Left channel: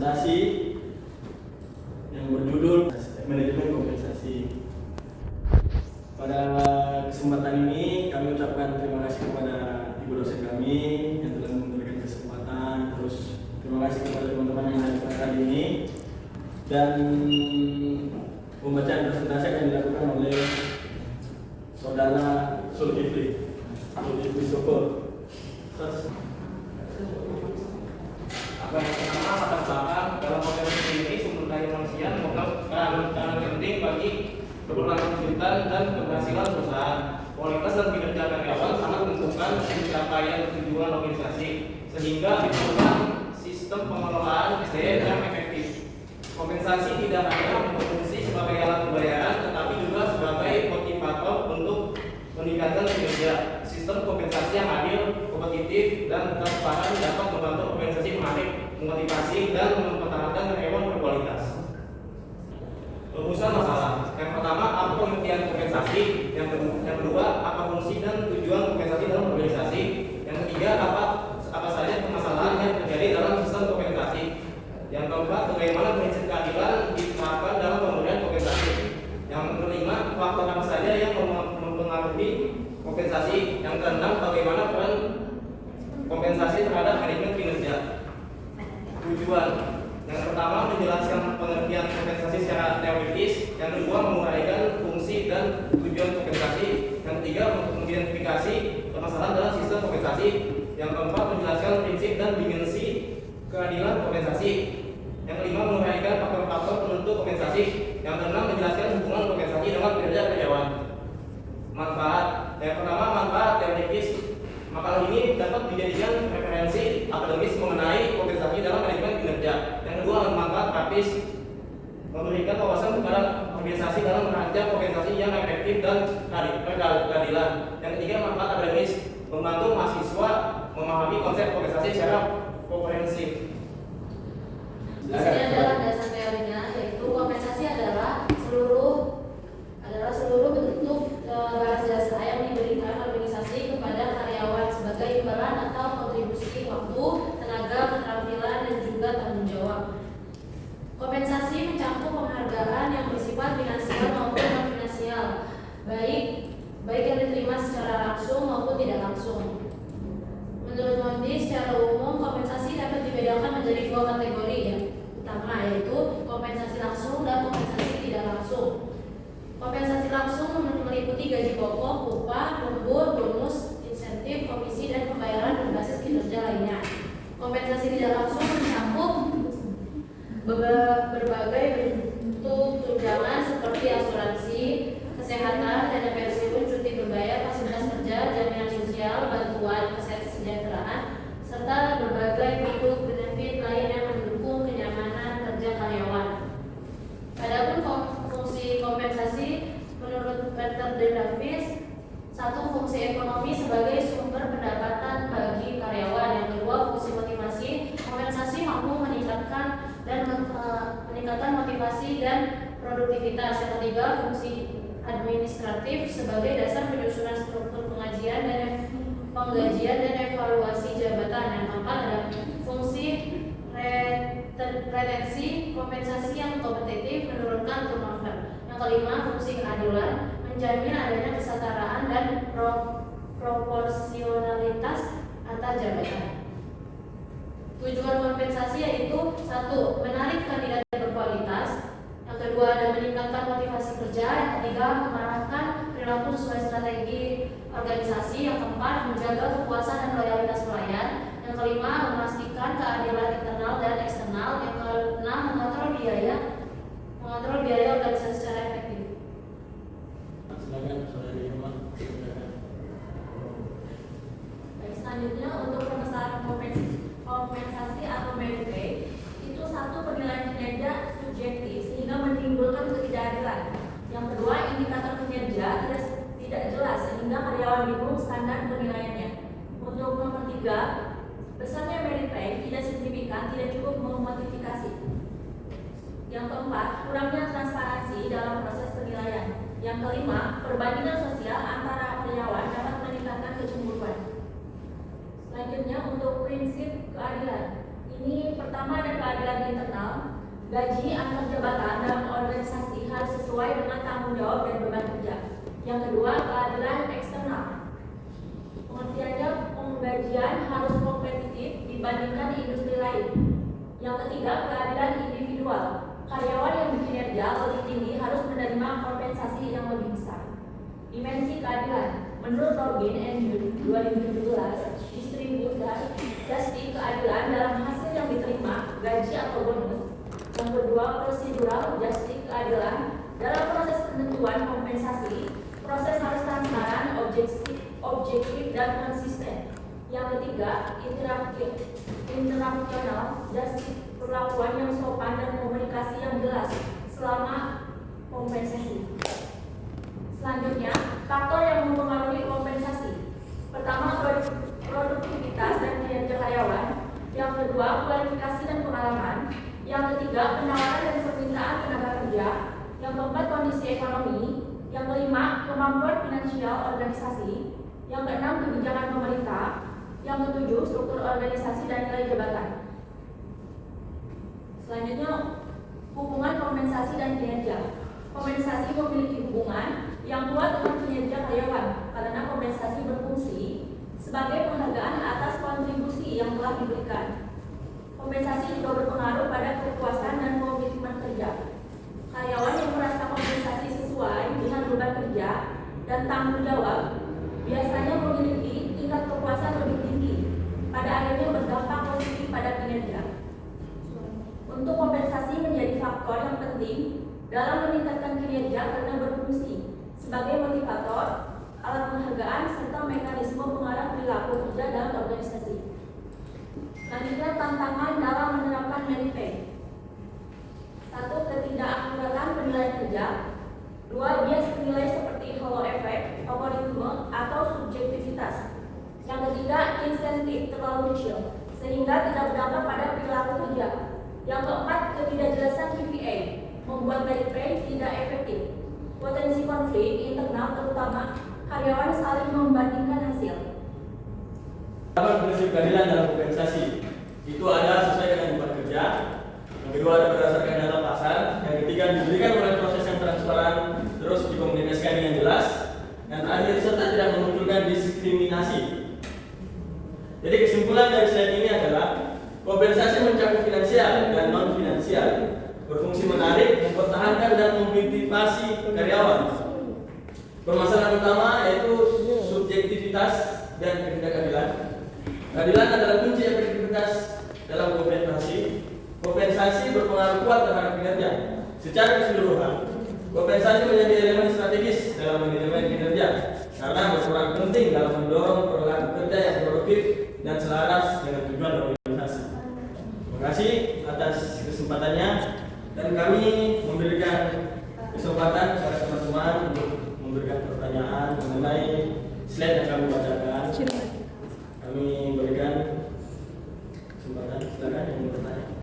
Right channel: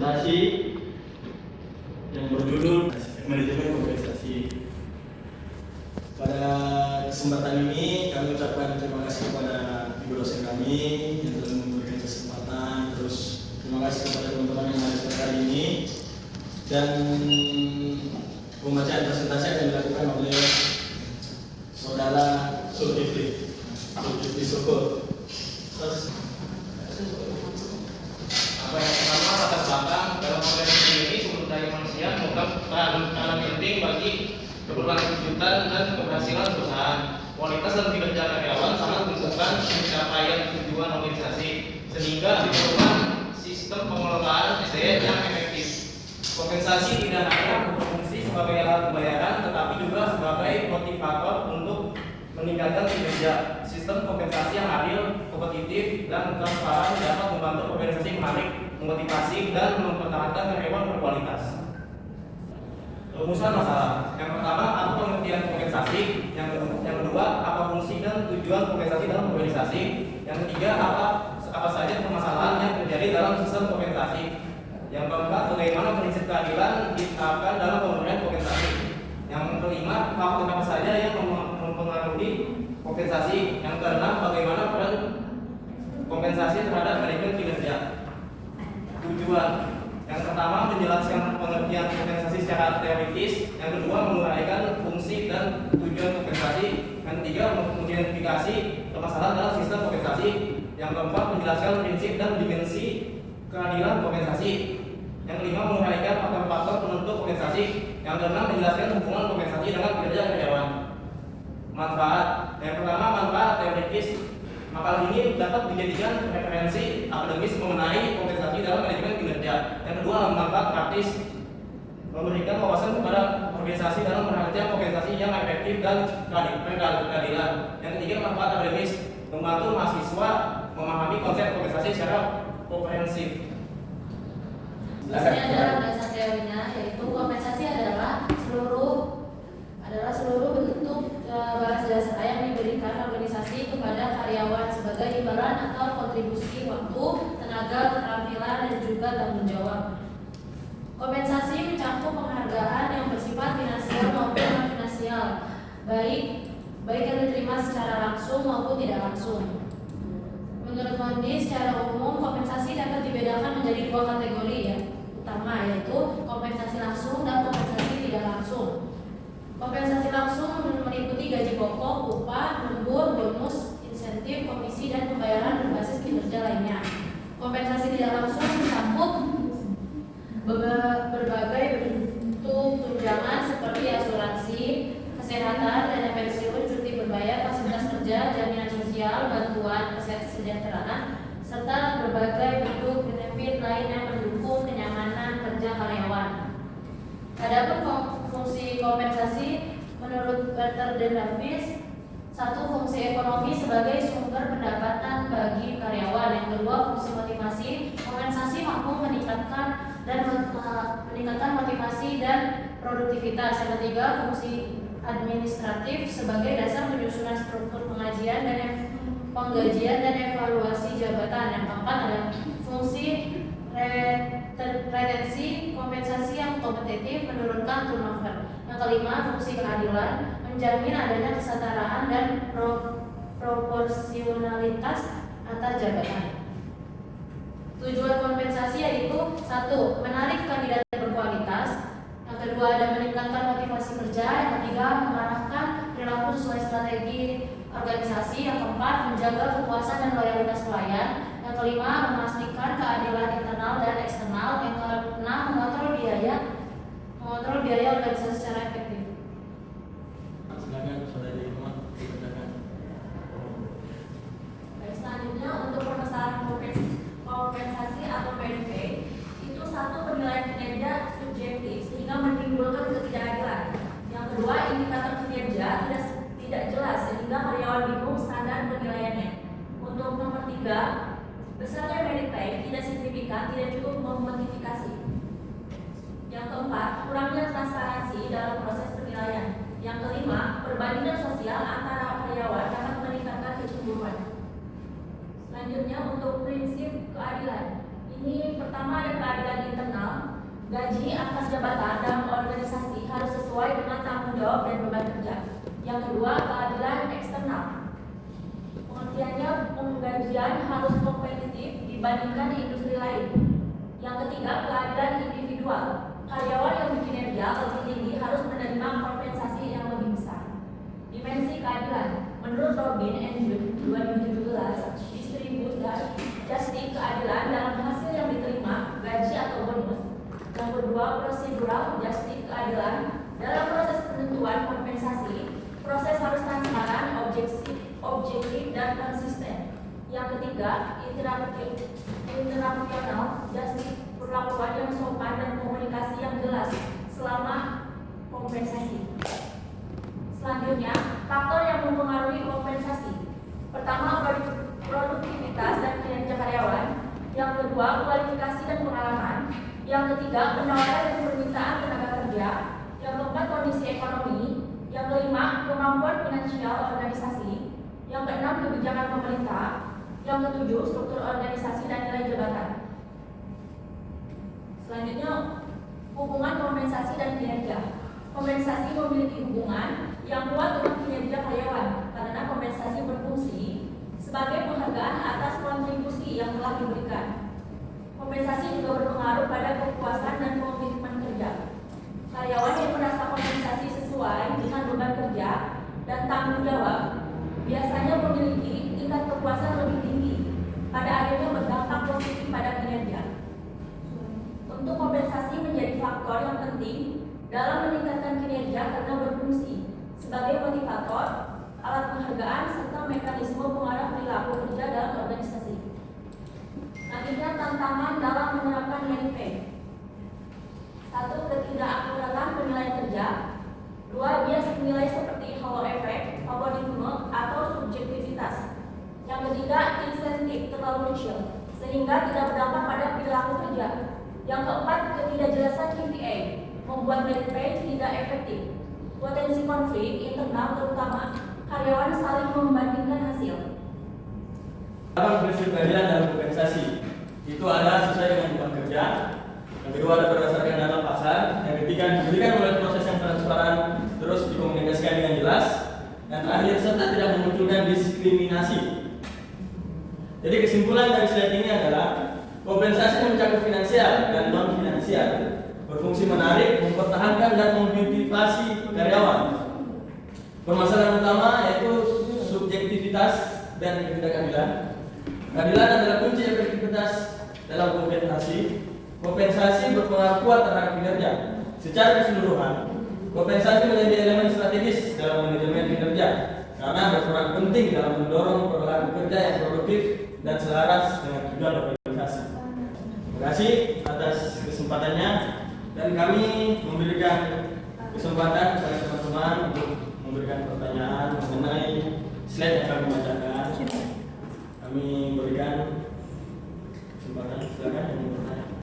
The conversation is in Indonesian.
presentasi yang berjudul manajemen kompensasi. Pada kesempatan ini kami ucapkan terima kasih kepada ibu dosen kami yang telah memberikan kesempatan. Terus terima kasih kepada teman-teman yang hadir kali ini. Dan pembacaan presentasi akan dilakukan oleh saudara Zulkifli Syukur. Yang pertama, latar belakang dalam organisasi ini sumber daya manusia memegang peranan penting bagi keberlanjutan dan keberhasilan perusahaan. Kualitas dan kinerja karyawan sangat menentukan pencapaian tujuan organisasi, sehingga diperlukan sistem pengelolaan SDM yang efektif. Kompensasi tidak hanya berfungsi sebagai alat pembayaran, tetapi juga sebagai motivator untuk meningkatkan kinerja. Sistem kompensasi yang adil, kompetitif, dan transparan dapat membantu organisasi menarik, memotivasi, dan mempertahankan karyawan berkualitas. Rumusan masalah. Yang pertama, apa pengertian kompensasi? Yang kedua, apa fungsi dan tujuan kompensasi dalam organisasi? Yang ketiga, apa saja permasalahan yang terjadi dalam sistem kompensasi? Yang keempat, bagaimana prinsip keadilan diterapkan dalam pemberian kompensasi? Yang kelima, faktor apa saja yang mempengaruhi kompensasi? Yang keenam, bagaimana peran kompensasi terhadap manajemen kinerja? Tujuan. Yang pertama, menjelaskan pengertian kompensasi secara teoritis. Yang kedua, menguraikan fungsi dan tujuan kompensasi. Yang ketiga, mengidentifikasi permasalahan dalam sistem kompensasi. Yang keempat, menjelaskan prinsip dan dimensi keadilan kompensasi. Yang kelima, menguraikan faktor-faktor penentu kompensasi. Yang keenam, menjelaskan hubungan kompensasi dengan kinerja karyawan. Manfaat. Yang pertama, manfaat teoritis. Makalah ini dapat dijadikan referensi akademis mengenai kompensasi dalam manajemen kinerja. Yang kedua, manfaat praktis, memberikan wawasan kepada organisasi dalam merancang kompensasi yang efektif dan keadilan. Yang ketiga, manfaat akademis, membantu mahasiswa memahami konsep kompensasi secara komprehensif. Biasanya dalam dasar teorinya, yaitu kompensasi adalah seluruh bentuk balas jasa yang diberikan organisasi kepada karyawan sebagai imbalan atau kontribusi waktu, tenaga, keterampilan, dan juga tanggung jawab. Kompensasi mencakup penghargaan yang bersifat finansial maupun non finansial, baik yang diterima secara langsung maupun tidak langsung. Menurut Mondi, secara umum kompensasi dapat dibedakan menjadi dua kategori utama, yaitu kompensasi langsung dan kompensasi tidak langsung. Kompensasi langsung meliputi gaji pokok, upah, lembur, bonus, insentif, komisi, dan pembayaran berbasis kinerja lainnya. Kompensasi tidak langsung mencakup berbagai bentuk tunjangan seperti asuransi, kesehatan, dana pensiun, cuti berbayar, fasilitas kerja, jaminan sosial, bantuan kesejahteraan, serta berbagai bentuk benefit lain yang mendukung kenyamanan kerja karyawan. Adapun fungsi kompensasi menurut Peter D. Davis, satu, fungsi ekonomi sebagai sumber pendapatan bagi karyawan. Yang kedua, fungsi motivasi. Kompensasi mampu meningkatkan motivasi dan produktivitas. Yang ketiga, fungsi administratif sebagai dasar penyusunan struktur penggajian dan evaluasi jabatan. Yang keempat, ada fungsi retensi, kompensasi yang kompetitif, menurunkan turnover. Yang kelima, fungsi keadilan, menjamin adanya kesetaraan dan proporsionalitas antar jabatan. Tujuan kompensasi yaitu satu, menarik kandidat yang berkualitas. Yang kedua, ada meningkatkan motivasi kerja. Yang ketiga, mengarahkan perilaku sesuai strategi organisasi. Yang keempat, menjaga kepuasan dan loyalitas pelayan. Yang kelima, memastikan keadilan internal dan eksternal. Yang keenam, mengontrol biaya organisasi secara efektif. Baik, selanjutnya untuk permasalahan kompensasi atau PDP, itu satu, penilaian kinerja subjektif sehingga menimbulkan ketidakadilan. Yang kedua, indikator kinerja tidak jelas sehingga karyawan bingung standar penilaiannya. Untuk nomor 3, besarnya merit pay tidak signifikan, tidak cukup memotivasi. Yang keempat, kurangnya transparansi dalam proses penilaian. Yang kelima, perbandingan sosial antara karyawan dapat meningkatkan kecemburuan. Selanjutnya untuk prinsip keadilan, Ini pertama ada keadilan internal. Gaji antar jabatan dalam organisasi harus sesuai dengan tanggung jawab dan beban kerja. Yang kedua, keadilan eksternal. Pengertiannya, penggajian harus kompetitif dibandingkan industri lain. Yang ketiga, keadilan individual. Karyawan yang berkinerja lebih tinggi harus menerima kompensasi yang lebih besar. Dimensi keadilan. Menurut Robin and June 2017, distribut dan justice keadilan dalam hasil yang diterima, gaji atau bonus. Yang kedua, prosedural justice keadilan dalam proses penentuan kompensasi. Proses harus transparan, objektif dan konsisten. Yang ketiga, international justice perlakuan yang sopan dan komunikasi yang jelas selama kompensasi. Selanjutnya, faktor yang mempengaruhi kompensasi. Pertama, produktivitas dan kinerja karyawan. Yang kedua, kualifikasi dan pengalaman. Yang ketiga, penawaran dan permintaan tenaga kerja. Yang keempat, kondisi ekonomi. Yang kelima, kemampuan finansial organisasi. Yang keenam, kebijakan pemerintah. Yang ketujuh, struktur organisasi dan nilai jabatan. Selanjutnya, hubungan kompensasi dan kinerja. Kompensasi memiliki hubungan yang kuat dengan kinerja karyawan karena kompensasi berfungsi sebagai penghargaan atas kontribusi yang telah diberikan. Kompensasi juga berpengaruh pada kepuasan dan komitmen kerja. Karyawan yang merasa kompensasi sesuai dengan beban kerja dan tanggung jawab biasanya memiliki tingkat kepuasan lebih tinggi, pada akhirnya berdampak positif pada kinerja. Untuk kompensasi menjadi faktor yang penting dalam meningkatkan kinerja karena berfungsi sebagai motivator, alat penghargaan, serta mekanisme pengarah perilaku kerja dalam organisasi. Selanjutnya, tantangan dalam menerapkan merit pay. 1. Ketidakakuratan penilaian kerja. 2. Bias nilai seperti halo efek, favorisme, atau subjektivitas. Yang ketiga, insentif terlalu kecil sehingga tidak berdampak pada perilaku kerja. Yang keempat, ketidakjelasan KPI membuat merit pay tidak efektif. Potensi konflik internal, terutama karyawan saling membandingkan hasil. Prinsip keadilan dalam kompensasi itu ada sesuai dengan beban kerja. Yang kedua ada berdasarkan data pasar. Yang ketiga diberikan oleh proses yang transparan, terus dikomunikasikan dengan jelas. Dan terakhir serta tidak memunculkan diskriminasi. Jadi kesimpulan dari slide ini adalah kompensasi mencakup finansial dan non finansial, berfungsi menarik, mempertahankan dan memotivasi karyawan. Permasalahan utama yaitu subjektivitas dan ketidakadilan. Keadilan adalah kunci efektivitas dalam kompensasi. Kompensasi berpengaruh kuat terhadap kinerja. Secara keseluruhan, kompensasi menjadi elemen strategis dalam manajemen kinerja karena berperan penting dalam mendorong perilaku kerja yang produktif dan selaras